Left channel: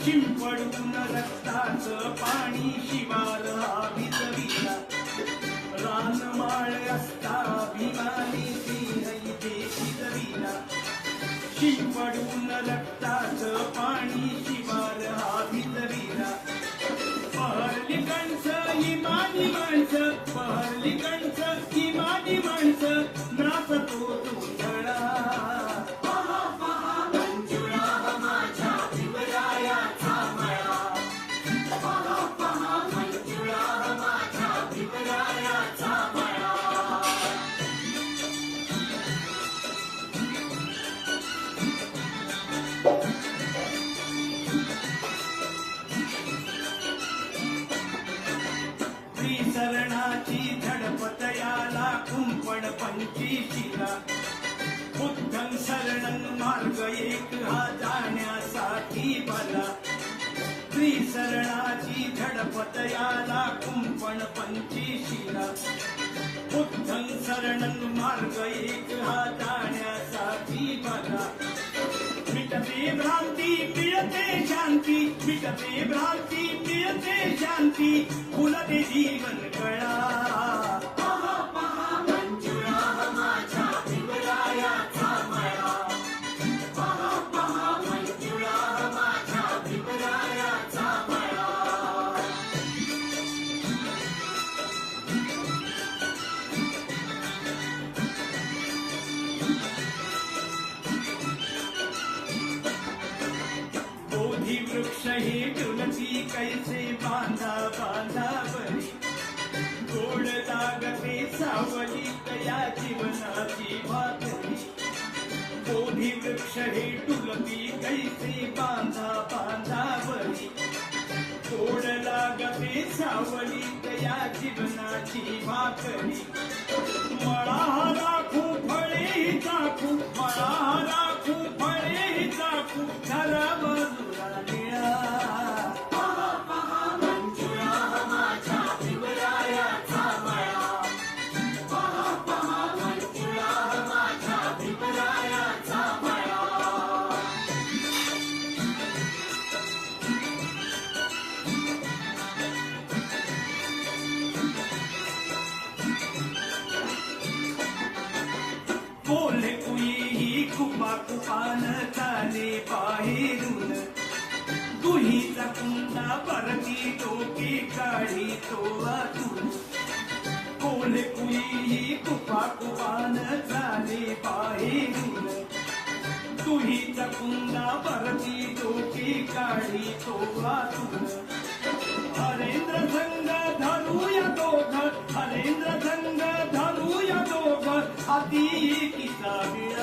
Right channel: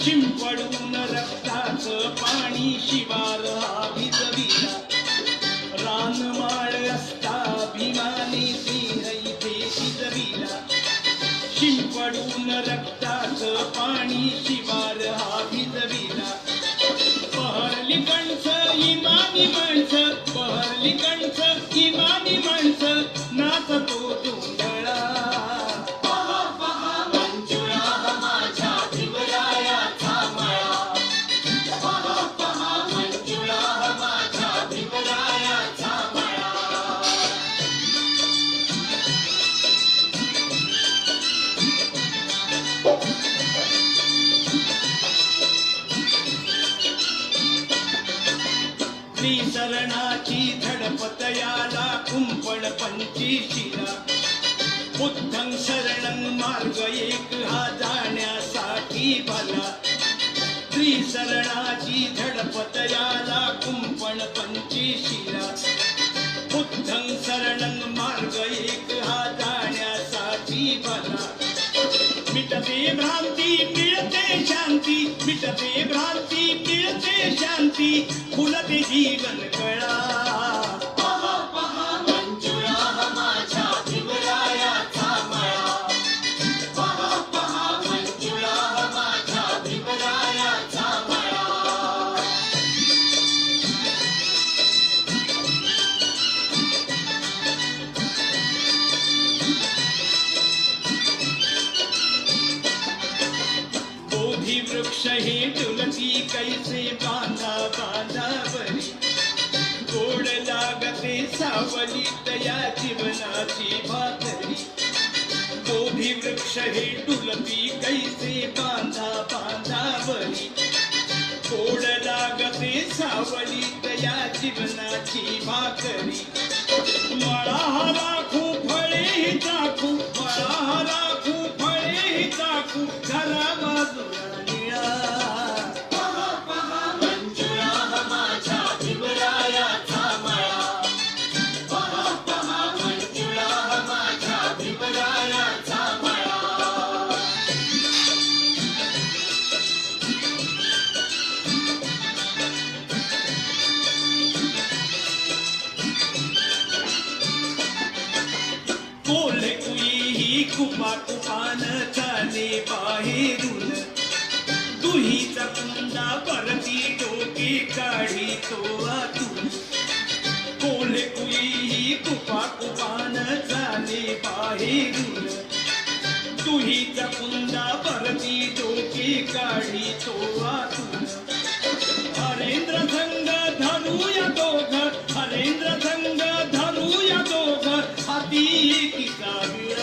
शिंपडून रक्ताचं पाणी शिवार हा भिजविला रानमाळ असता भीमाने देह इथे शिजविला शिंपडून रक्ताचं पाणी शिवार हा भिजविला पहरली कणसं इमानी माणसं पहरली कणसं इमानी माणसं नाचतो जोंधळा शरणाची धडपत याला कुंपण पंचीशीला बुद्धं शरणं मार्ग एक हा जाण्यासाठी भला त्रिशरणाची धडपत याला कुंपण पंचीशीला बुद्धं शरणं मार्ग एक हा जाण्यासाठी भला मिटते भ्रांती मिळते शांती मिटते भ्रांती मिळते शांती फुलते जीवन कळा वृक्ष हे तुलसी कैसे बांधा बांधावरी गोड लागते सावली तया जीवनाची भातरी बोधी वृक्ष हे तुलसी कैसे बांधा बांधावरी गोड लागते सावली तया जीवनाची भाकरी मळा राखू फळे चाकू मळा राखू फळे चाकू झाला बाजूला कोल्हे कुई कुपा कुपान चाले बाहेरून दुहीचा कुंदा परती डोकी काढी तो आतून कोल्हे कुई कुपा कुपान चाले बाहेरून दुहीचा कुंदा परती डोकी काढी तो आतून हरेंद्र संग धरूया दोघ हरेंद्र संग धरूया दोघ हाती एकी गावी